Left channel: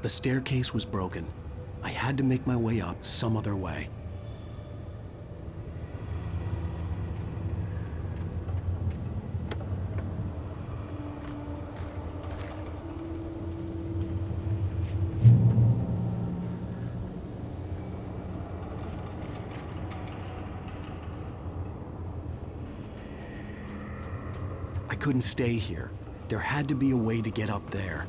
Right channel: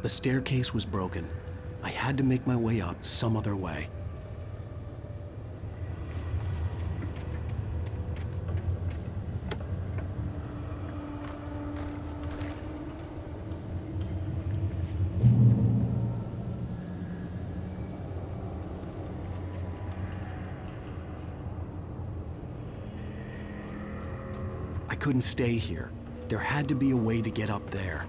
The staircase was broken. I had to make my way up some other way. I couldn't stay here. There had to be a way to get up there.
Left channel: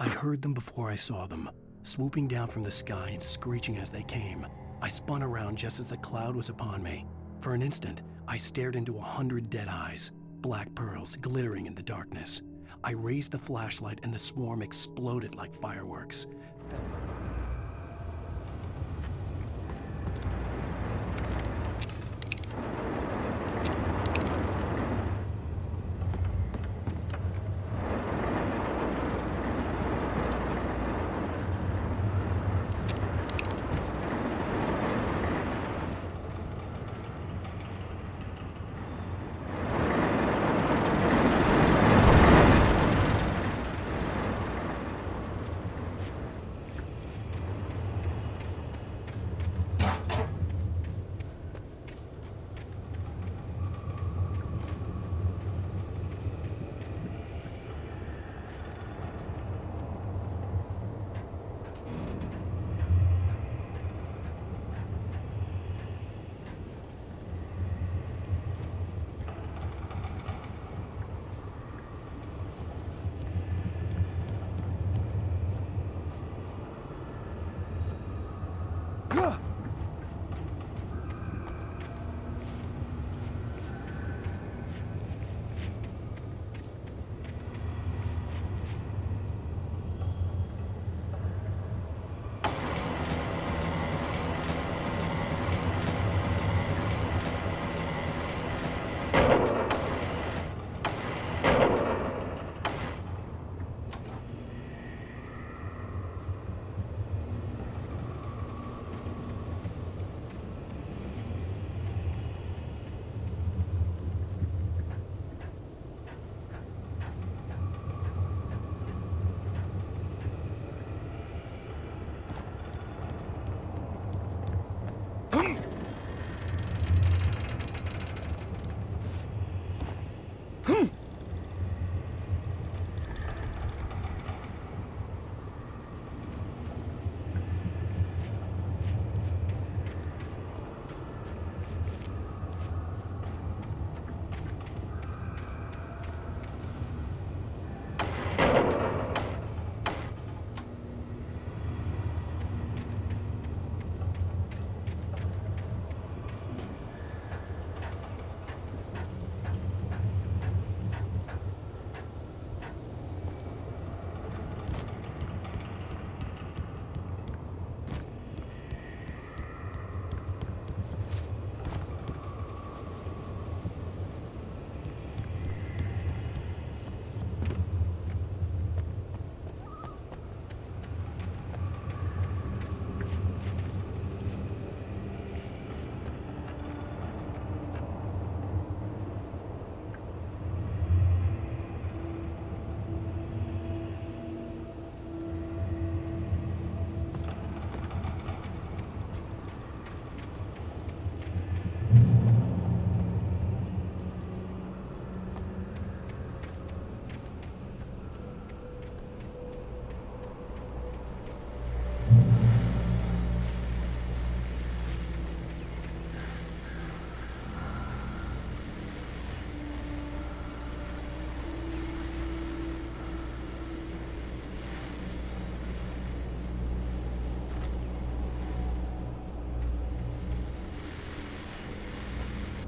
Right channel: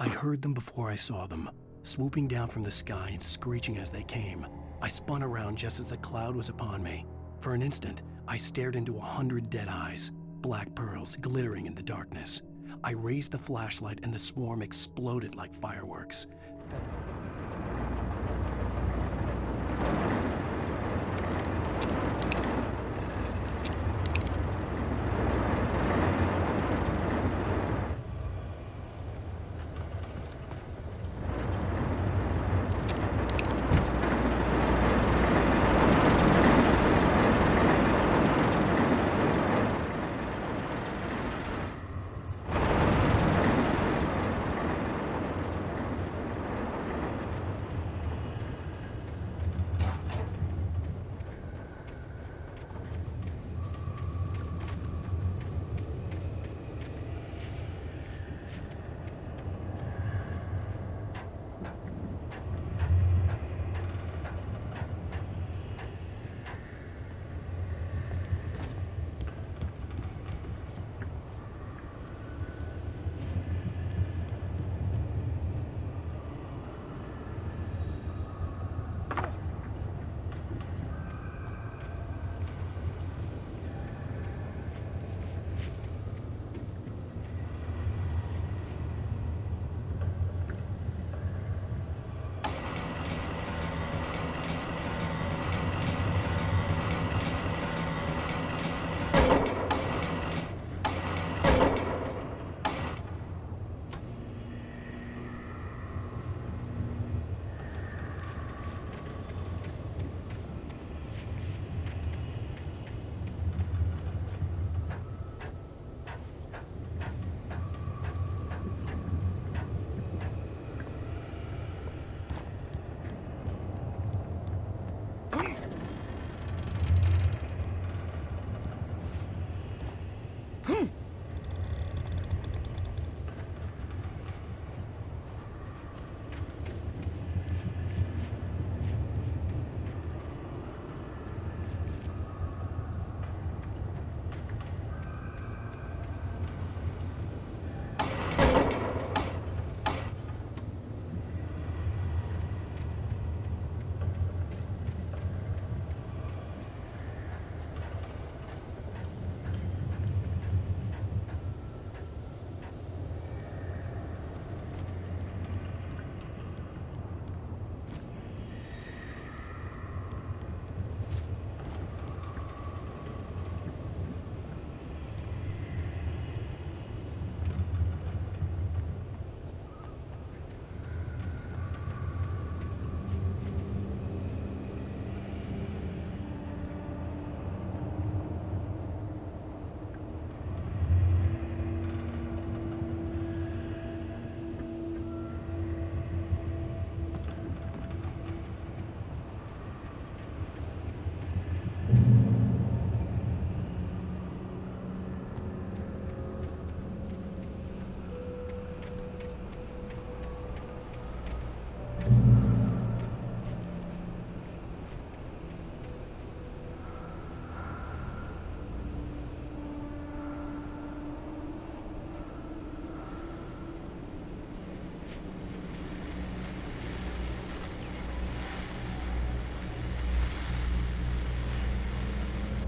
I heard them before I saw them, swooping down from the sky and screeching as they came. I spun around just as the cloud was upon me. For an instant, I stared into 100 dead eyes, black pearls glittering in the darkness. I raised the flashlight and the swarm exploded like fireworks.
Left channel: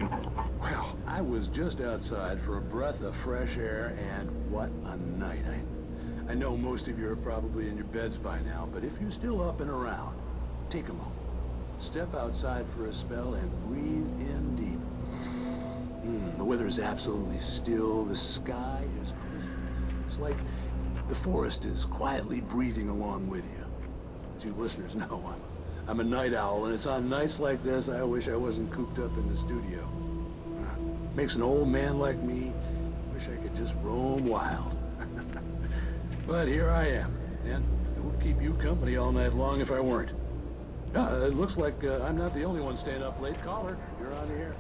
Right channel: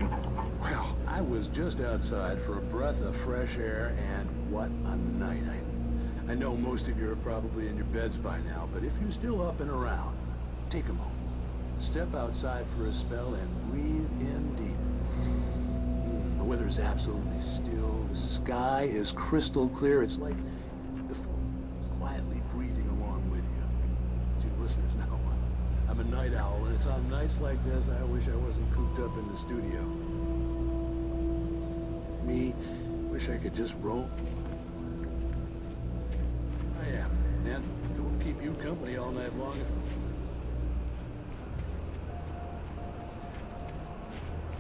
Well, I was just outside for a breath of fresh air, and what a night. I know most of you are probably in your beds by now, but if you're still up and around, take a moment. Step outside for a spell and breathe in deep. The weather is absolutely still. The sky is crystal clear. It's like the forest is quietly breathing along with you. As you listeners know, I'm a night owl, and it's on nights like this I wish I wasn't cooped up in the studio. Makes an old man like me wish I could just roam wild. But here I am, and it would keep you company all night long if I weren't. It looks like I'm not the only one staying up late. Caller, you're on the air.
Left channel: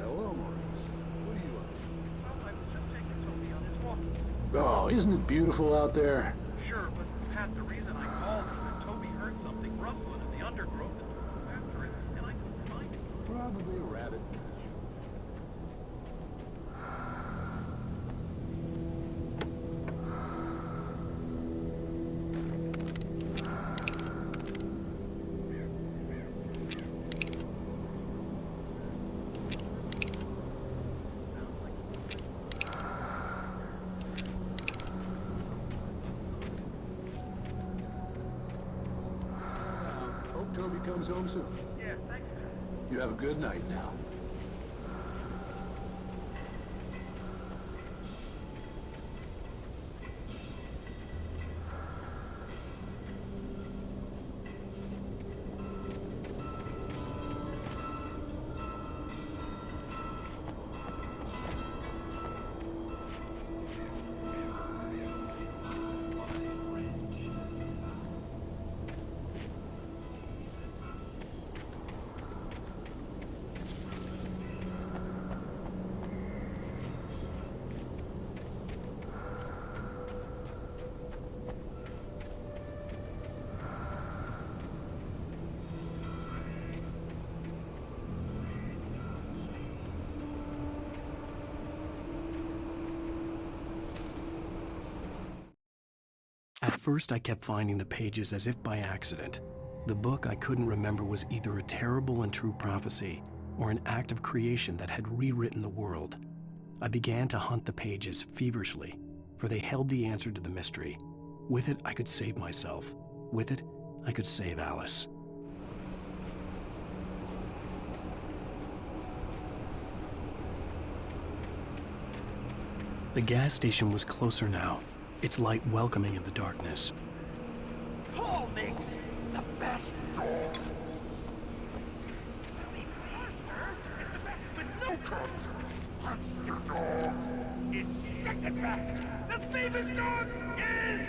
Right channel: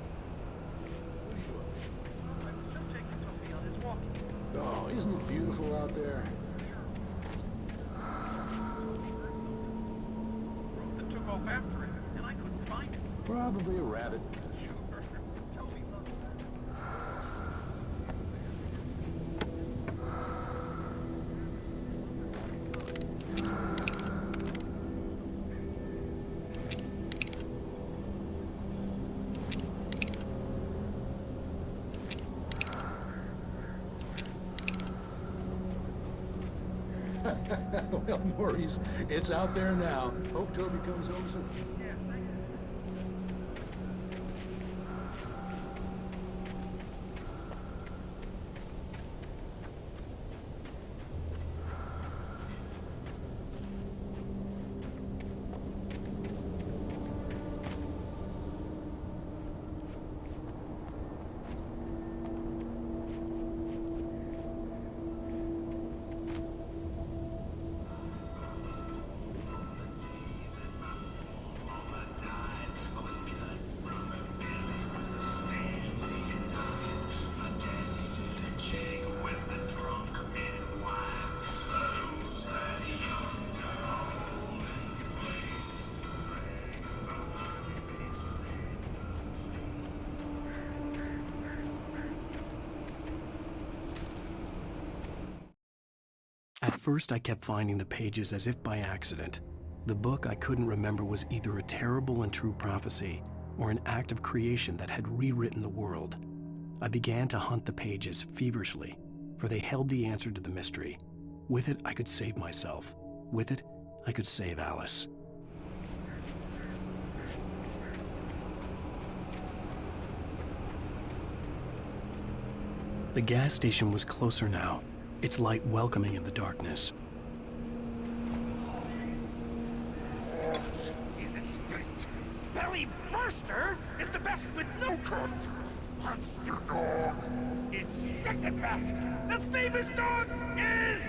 Hello, Maurice. What are you up to? I was just taking Toby on his walking. Oh, isn't it beautiful out there? Sure, but Pat, the reason I called was that Toby heard something rustling in the undergrowth and took off after it, and I couldn't find it. Probably a rabbit. Sure. Toby must Well, Maurice, it's out there now. Hope Toby comes home soon. Yeah, thank you. You have a good night now. At first, I kept finding the pages as if by accident. The book I couldn't remember was either a terrible and true prophecy or an act of creation that had rewritten the world. I began to hunt the pages feverishly, for they held the answer to the mystery. With it, I could save myself. With it, I could save Alice. The gas station was closer now, its light welcoming in the darkness. Paul makes the best dogs in the state. Belly Burster is the best with no cut. Monster Dog is second best. The famous dog is...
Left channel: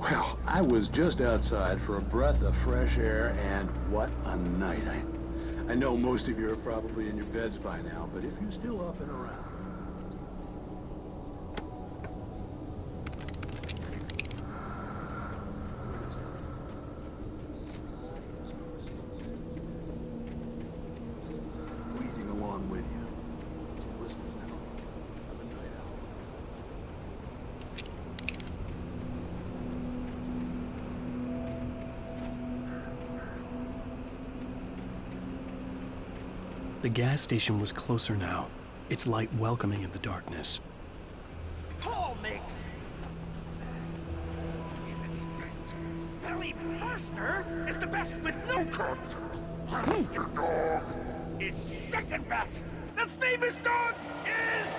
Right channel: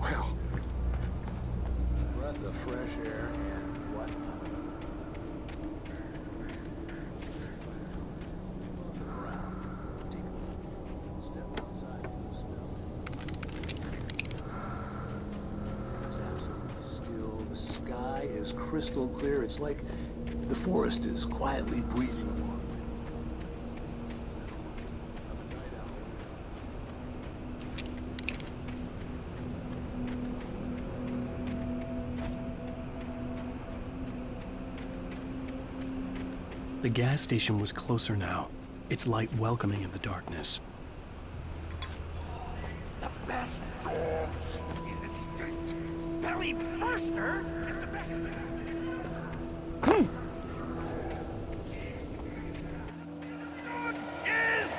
Well, I was just outside for a breath of fresh air, and what a night. I know most of you are probably in your beds by now, but if you're still up and around, take a step outside for the smell. It's absolutely still. The sky is crystal clear. It's like the forest is quietly breathing along with you. Listeners, now, I'm a night owl. The gas station was closer now, its light welcoming in the darkness. Paul makes the best dogs in the state. Belly Burster is the best with no contest. Monster Dog is second best. The famous dog is...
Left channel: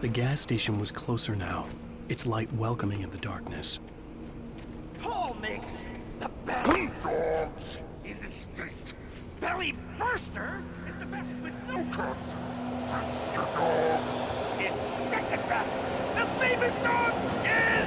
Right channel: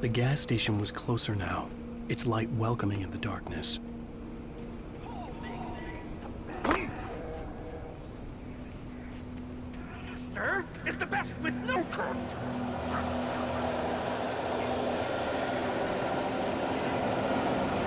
The gas station was closer now, its light welcoming in the darkness. Paul makes the best dogs in the state. Belly Burster is the best with no contest. Monster Dog is second best. The famous dog is...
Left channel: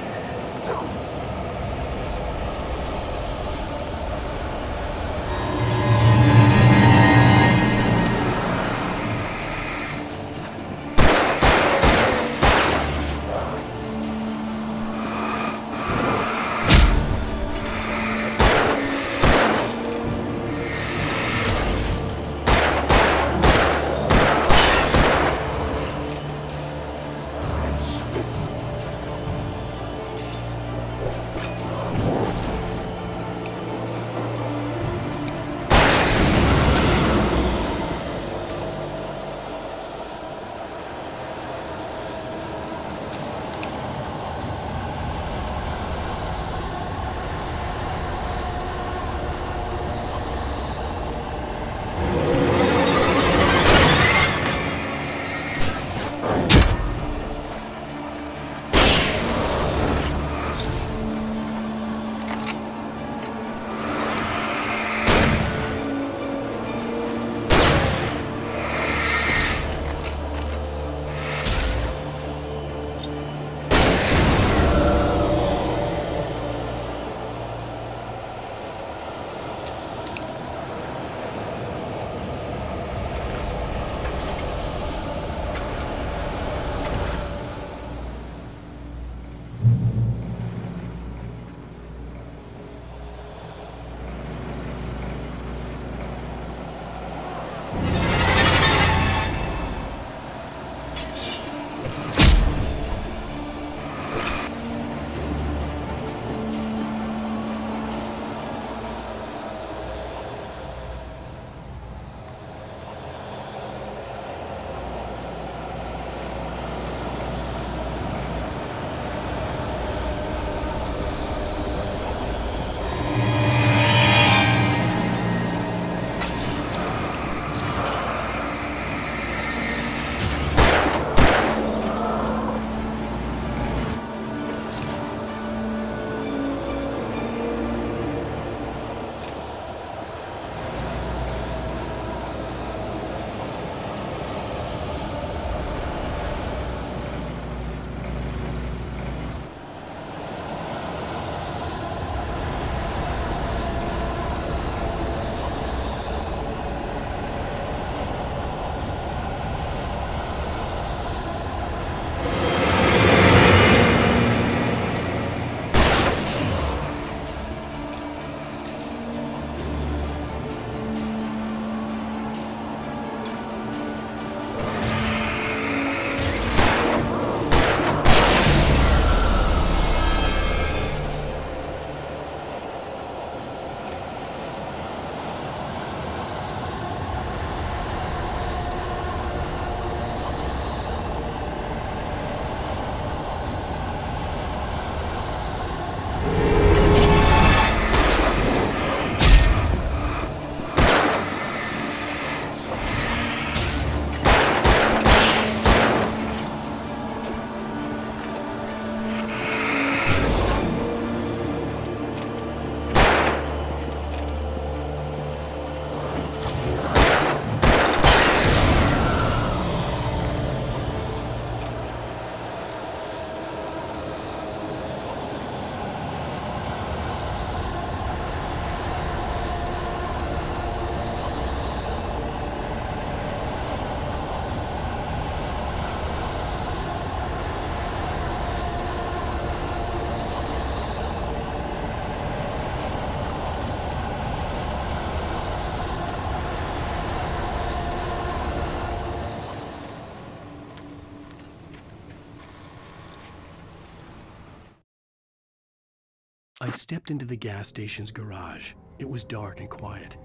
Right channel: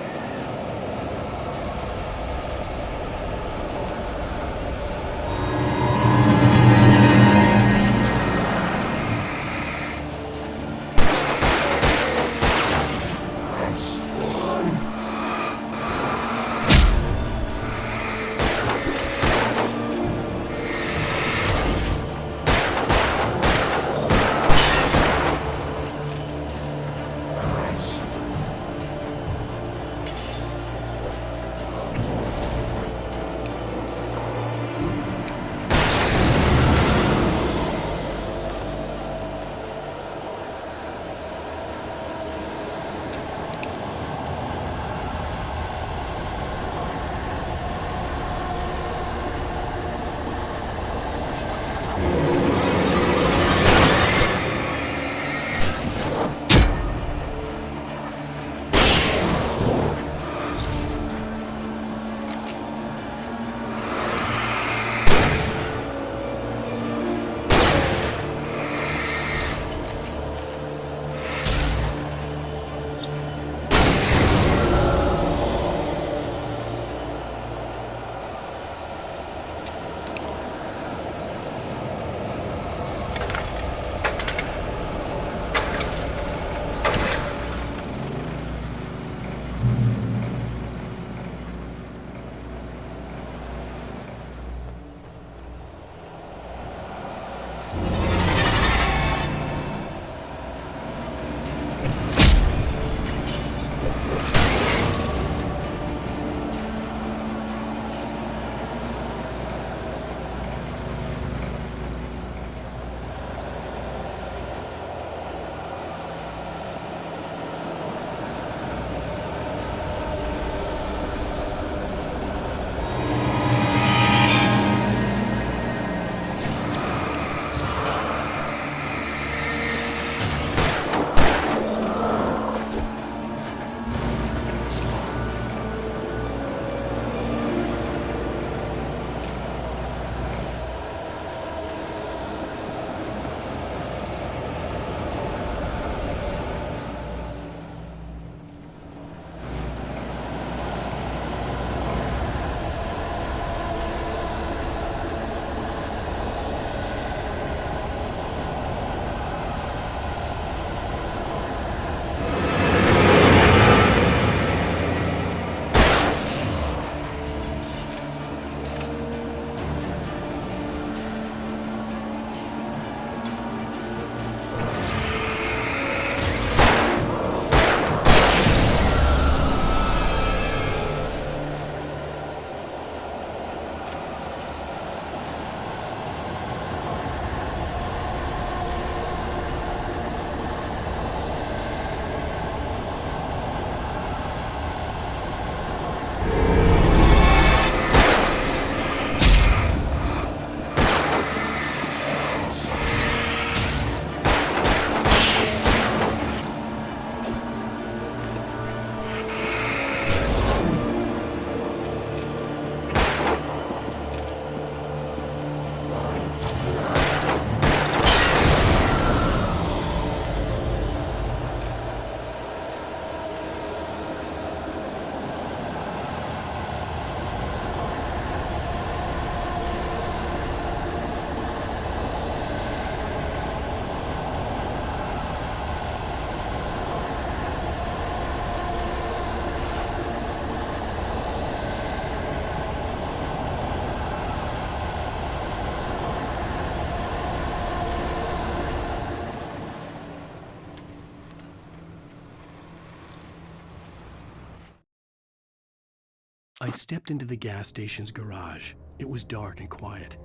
I stepped into the gas station's garage. It was dark and quiet.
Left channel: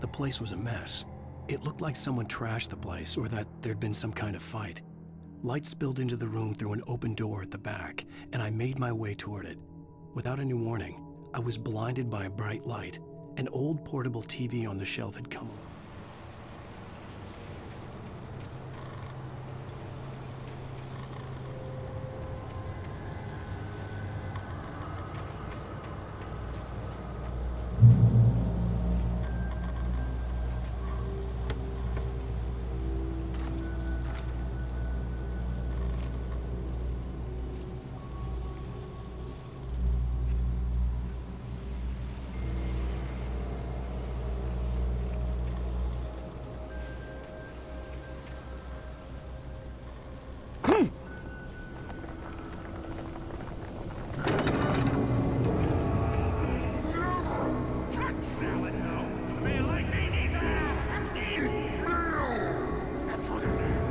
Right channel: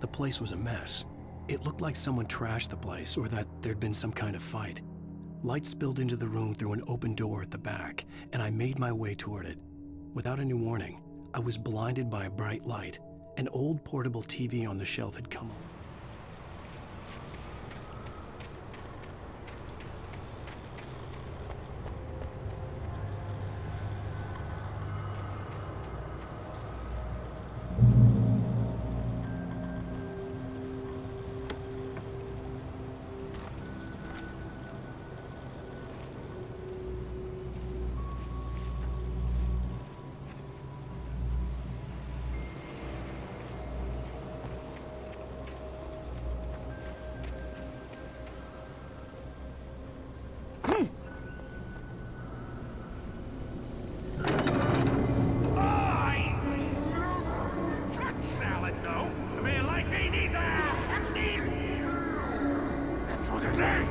The place was a mess. It looked like someone trashed the place or that there'd been some kind of fight. Light spilled into the room through an open door at the back, and I made my way toward it. Without any warning, I was blinded by a bright light. An old portable TV on the shelf had come along. Salad, no. A man like me needs a Epstein. That's for the day.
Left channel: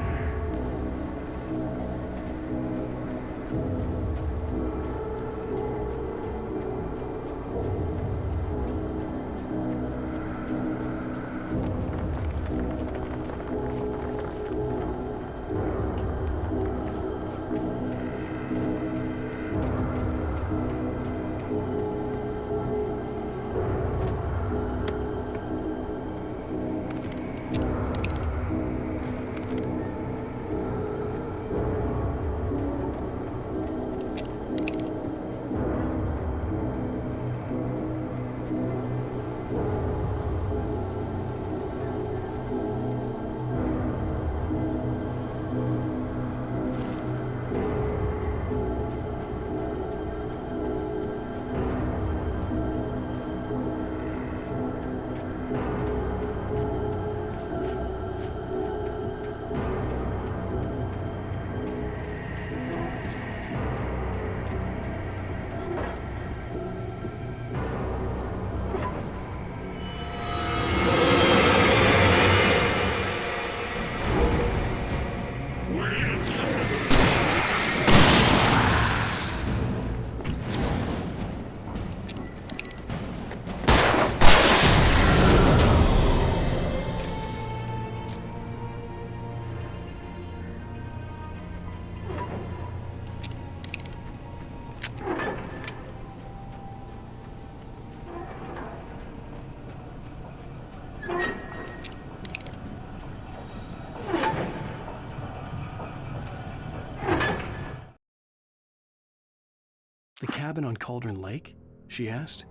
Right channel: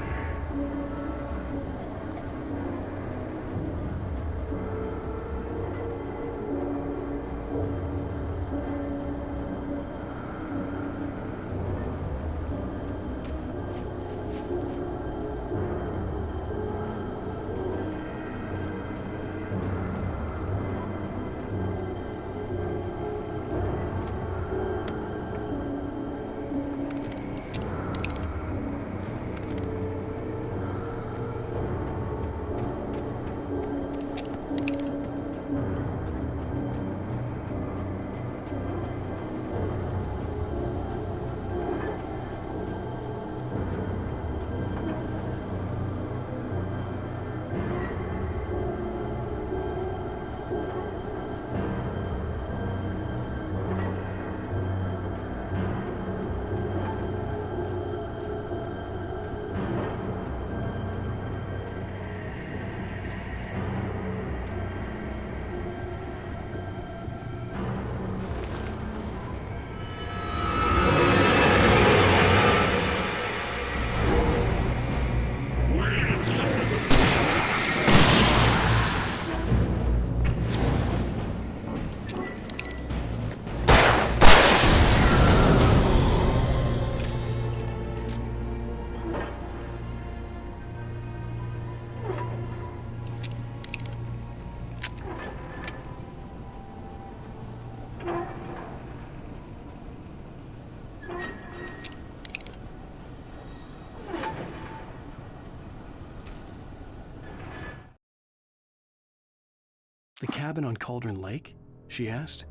The cabin on Cauldron Lake? She asked.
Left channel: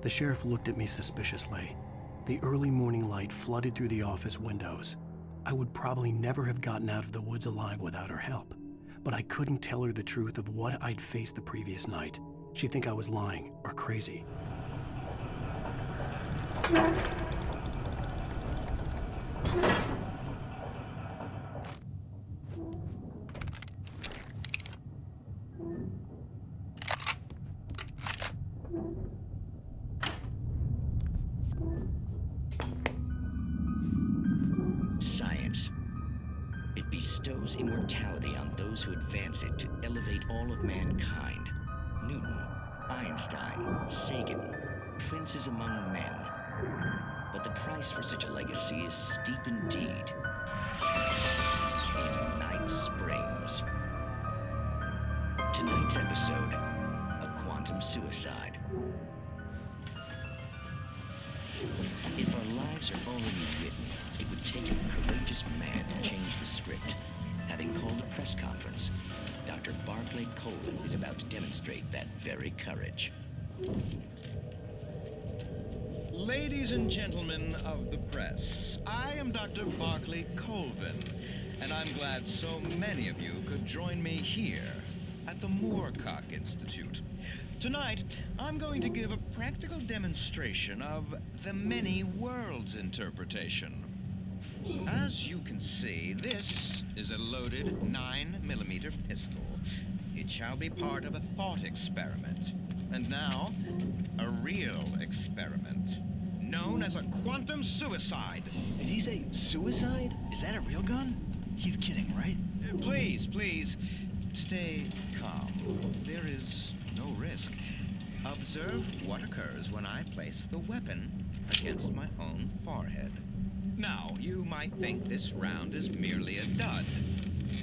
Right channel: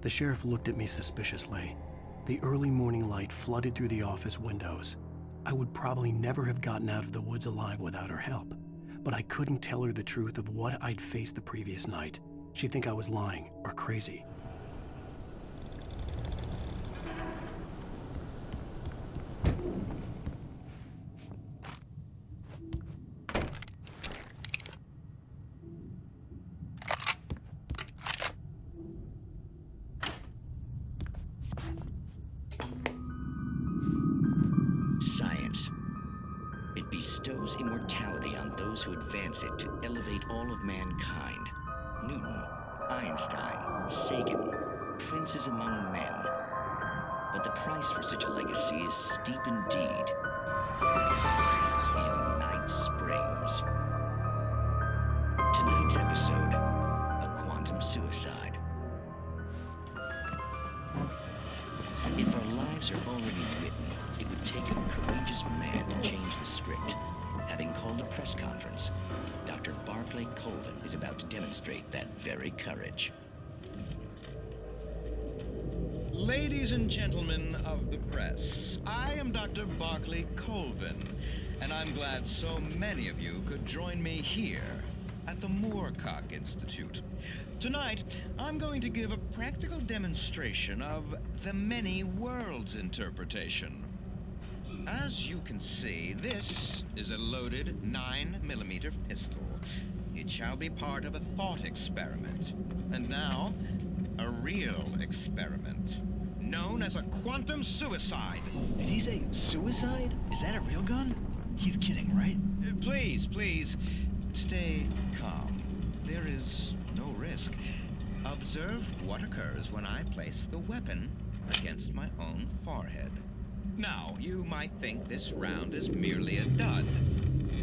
The sheriff looked at me suspiciously. The early morning light flooded through the office windows. I would probably never have gotten out of the woods alive without her help, but I couldn't tell her the truth of what I'd faced the previous night. She'd think I was lying or crazy. Science. It bestows immortality on those who advance it to elevate all of mankind. Newton, Einstein, Sagan, princes among men. But the price for such a legacy is steep indeed. In Night Springs. Tonight's episode, a quantum suicide. If our lives are already written, it would take a courageous man to change the script. Having called a press conference, Dr. Barclay Colvin is about to demonstrate that very courage. Ladies and gentlemen of the press, I am Dr. Barclay Colvin, and I'm glad so many of you could join me here at the Moorcock Institute. Tonight, I'm going to give a practical demonstration of the many worlds interpretation. As you can see, this is a loaded 9mm pistol. It shall be part of a thought experiment. And now, a real experiment, known as a quantum suicide. Did he say suicide? Is that a real gun? He's kidding, right? Please, stay calm. There is no risk. Observe what occurs when I place the weapon against my own forehead. Now, you might think this round is merely a dud.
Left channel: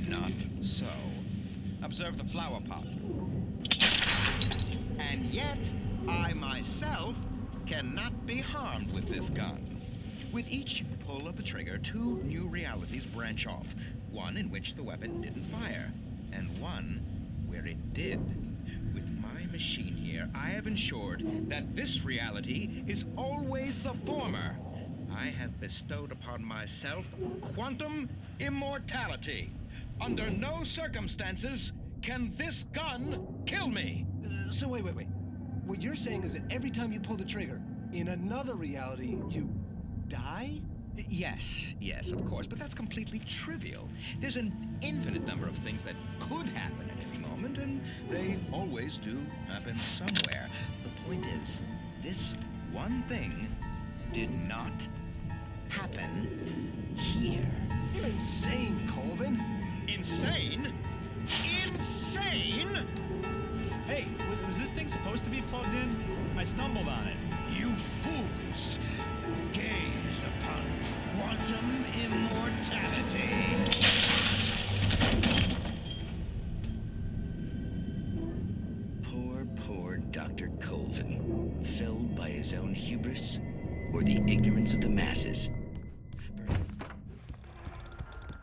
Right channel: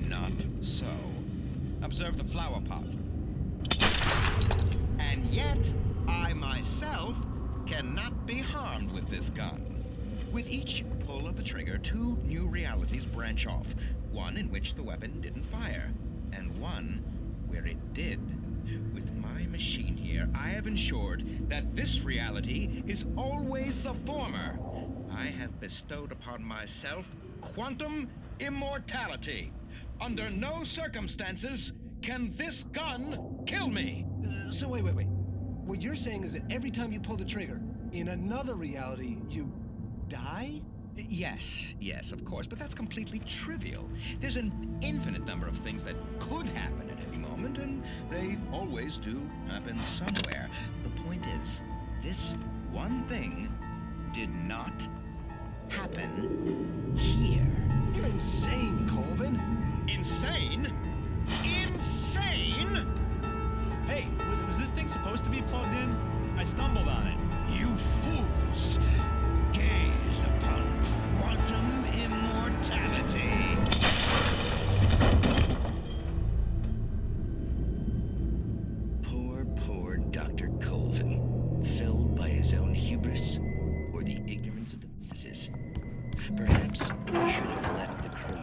Not so. Observe the flower pot. And yet, I myself cannot be harmed with this gun. With each pull of the trigger, 2 new realities branch off. One in which the weapon didn't fire, and one where it did. With my machine here, I have ensured that this reality is always the former. I have bestowed upon myself quantum immortality. Under no circumstances can this gun kill me. So wait. What you're saying is that every time you pull the trigger, in another reality, you die? Yes, of course, but that's completely trivial. There's an infinite number of things that could happen at any moment, and they always do happen somewhere. The point is, this one thing did not happen here. You're insane, Colvin. Insane? Insane? Hey, was this thing supposed to be plugged in? I stumbled on it. You fools! Gaze upon quantum immortality. Poor Dr. Colvin, felled by his own hubris or the ignorance of the masses. Perhaps he should have left the crew.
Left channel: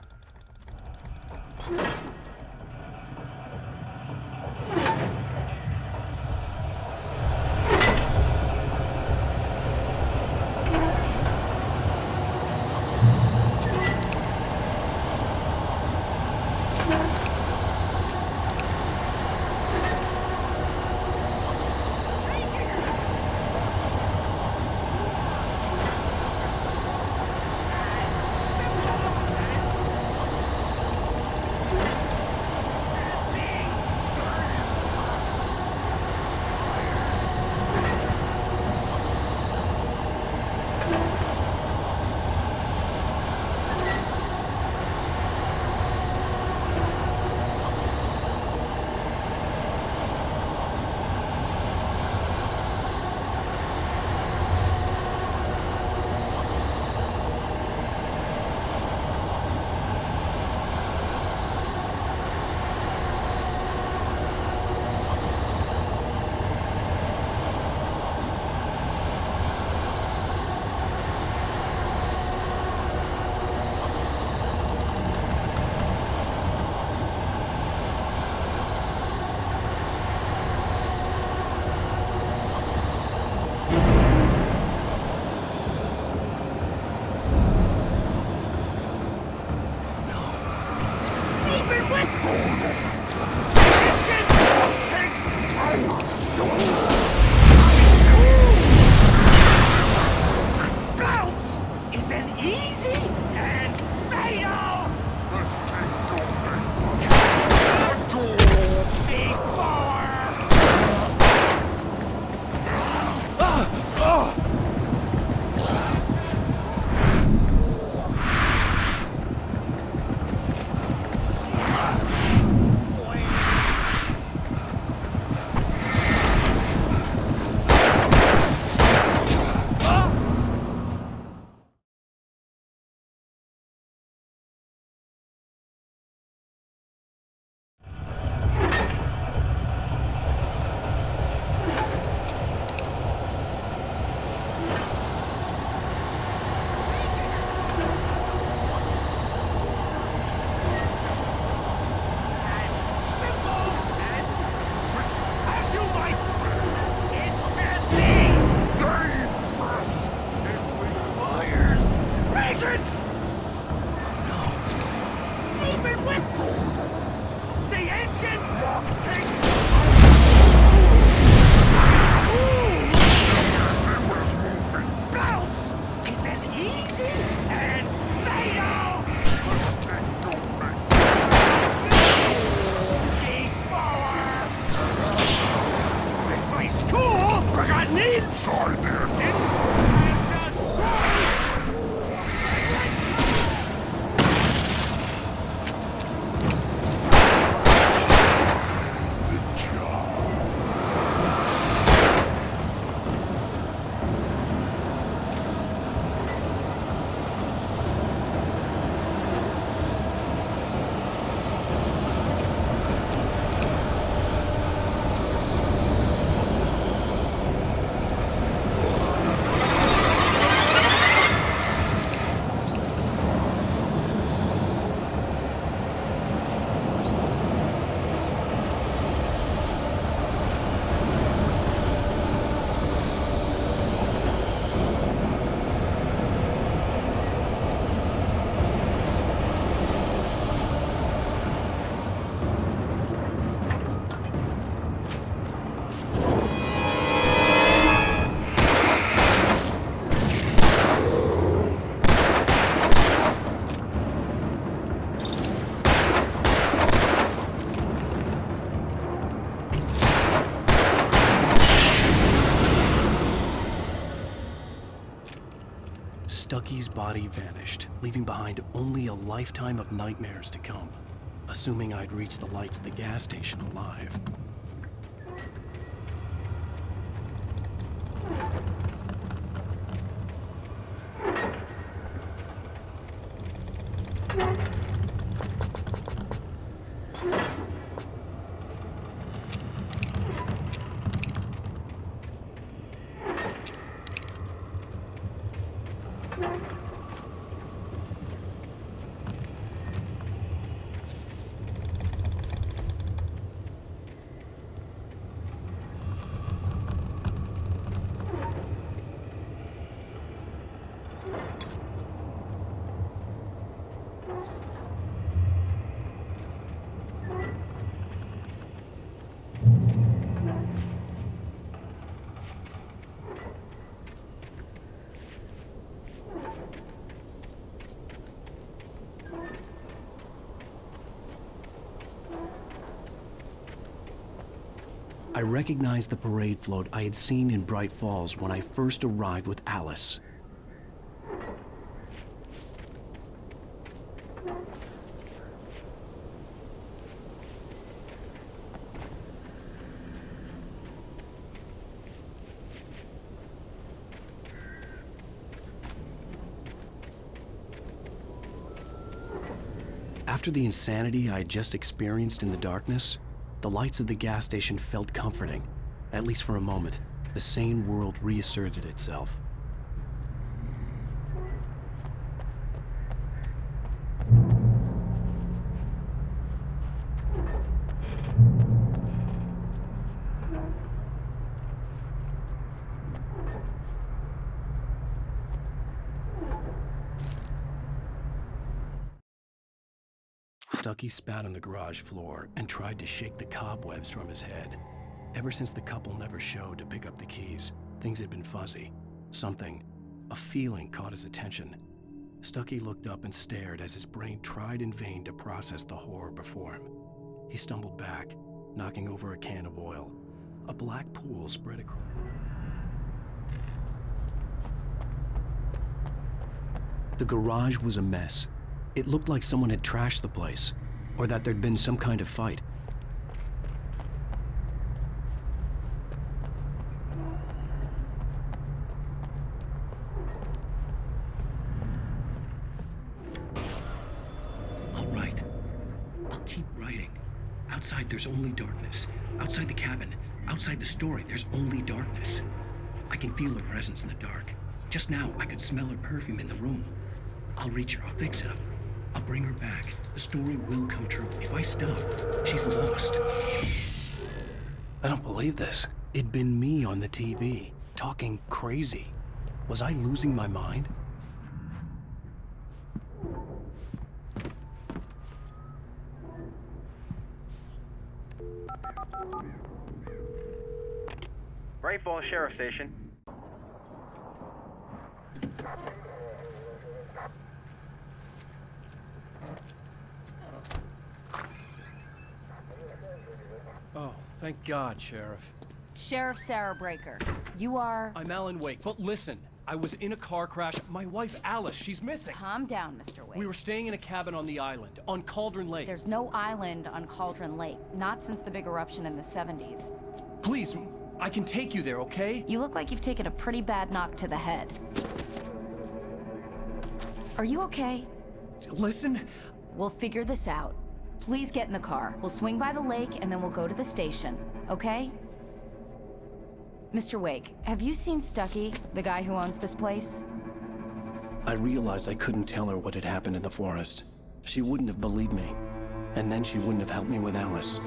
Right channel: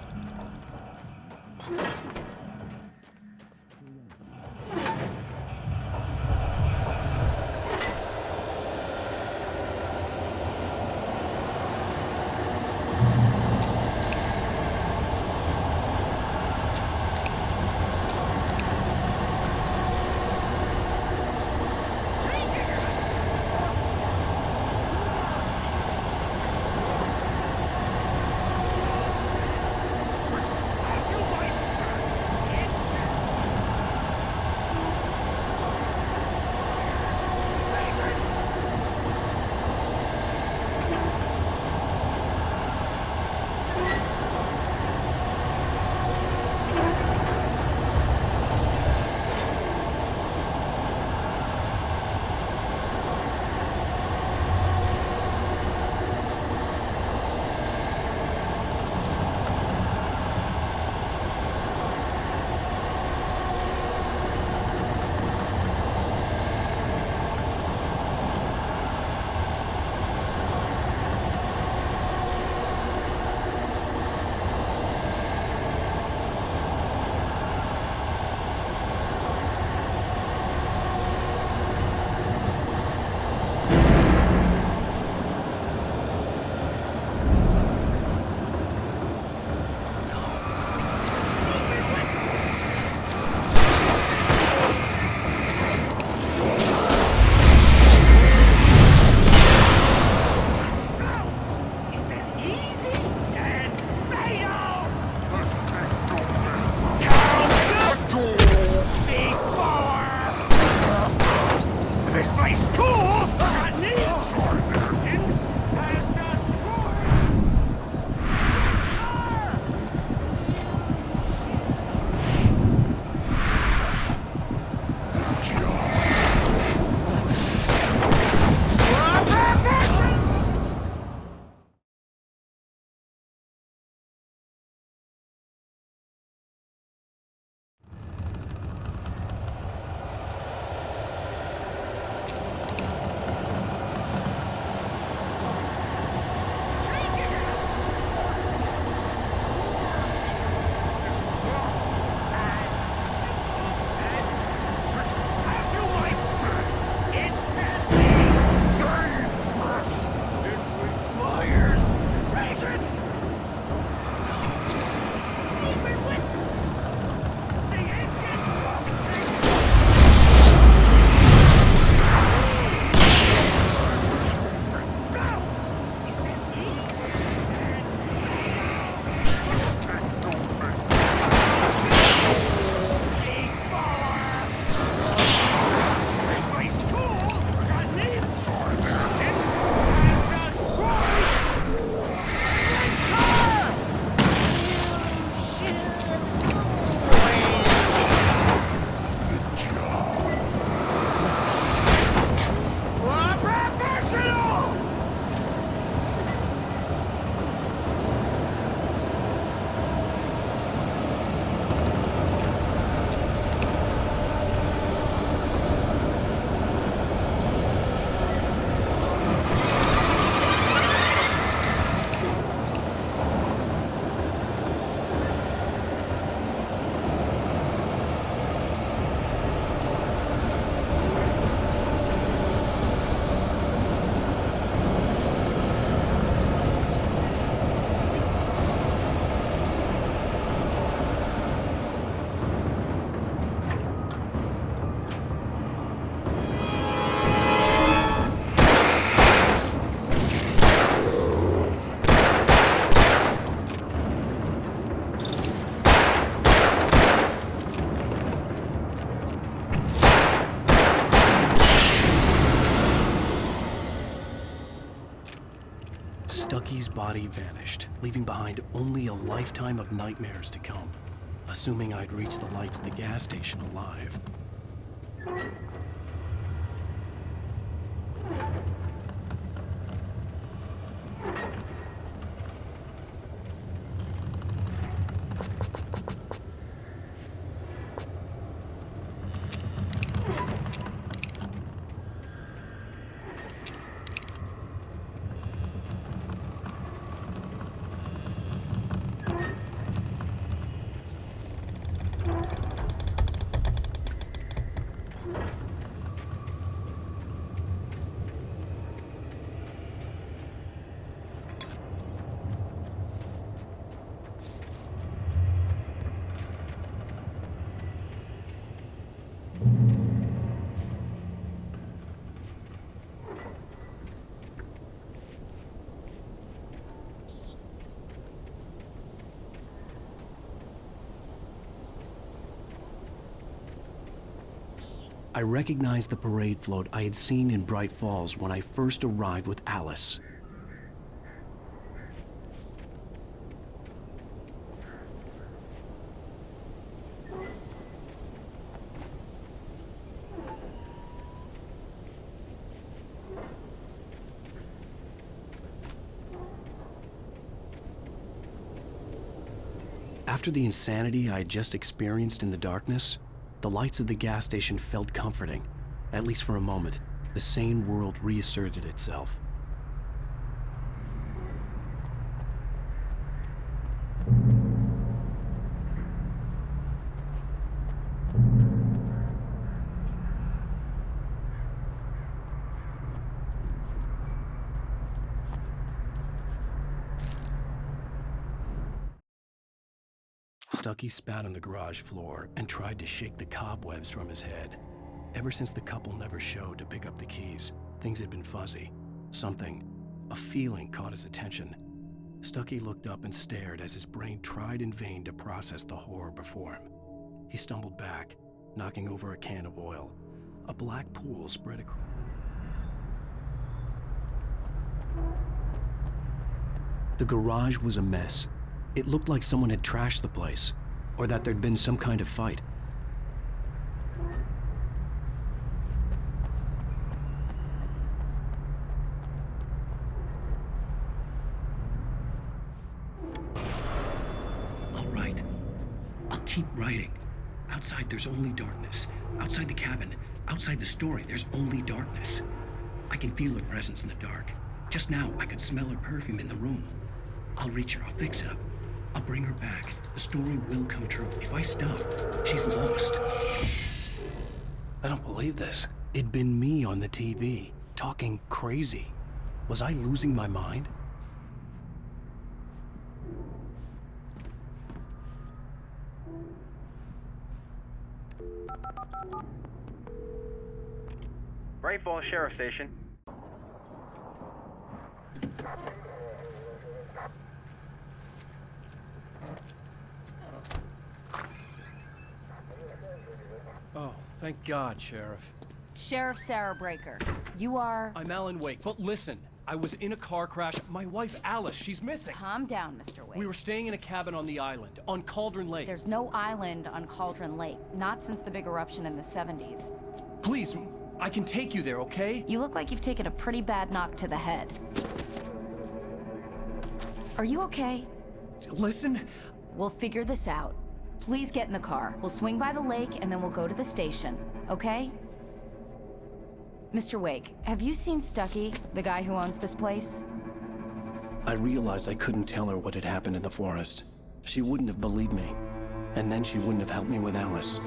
Stucky's body vanished, leaving behind only a lifetime of nightmares to come. Assuming I'd reached the lights of the gas station alive. I recognized the parade float I had seen in Bright Falls when I first arrived with Alice. After the insanity I had just experienced in the darkness, the lights of the gas station felt comforting. At least for a moment, the sane world reasserted itself. Stucky spat on the garage floor and tried to shake the cobwebs from his head. Ever since the couple never showed to pick up the keys, things had been fuzzy. Something, a feeling caught his attention. Stucky looked up and stared as his brain tried in vain to process the horror before him. He stumbled back, knocking over a can of oil. A black pool spread across. The garage was a mess. It looked like someone had trashed the place, or that there'd been some kind of fight. All right, I'll keep writing. Outside, there's only darkness. Outside the cabin, outside the story, there's only darkness. I can feel her presence in the dark. Just now, I could smell her perfume in the room. I'll reach her, I'll fix it up. I'll bring her back. The story will come true. If I stop, she's lost. I don't believe this. It'd been me on the TV, talking crazy. Was I losing my mind? Bright Falls Sheriff Station. Oh, thank God, Sheriff. Sheriff Sarah Breaker, you are... I'm Alan Wake, but listen, I was in a car crash. My wife, Alice, she's missing. Calm down, Mr. Wake. We were staying in a cabin on the island, on Cauldron Lake. There's no island on Cauldron Lake, not since the big eruption in the 70s. Please, I can take you there, okay? You look like you've taken a pretty bad knock to the head. Are you okay? Listen. We'll figure this out. Please get in the car. We'll swing by the lake and then we'll go to the station, okay? Mr. Wake, have you seen Stucky, the guy who owns this place? I realized I couldn't tell her what had happened in the forest. She wouldn't have believed me, and then she wouldn't have helped me with Alice.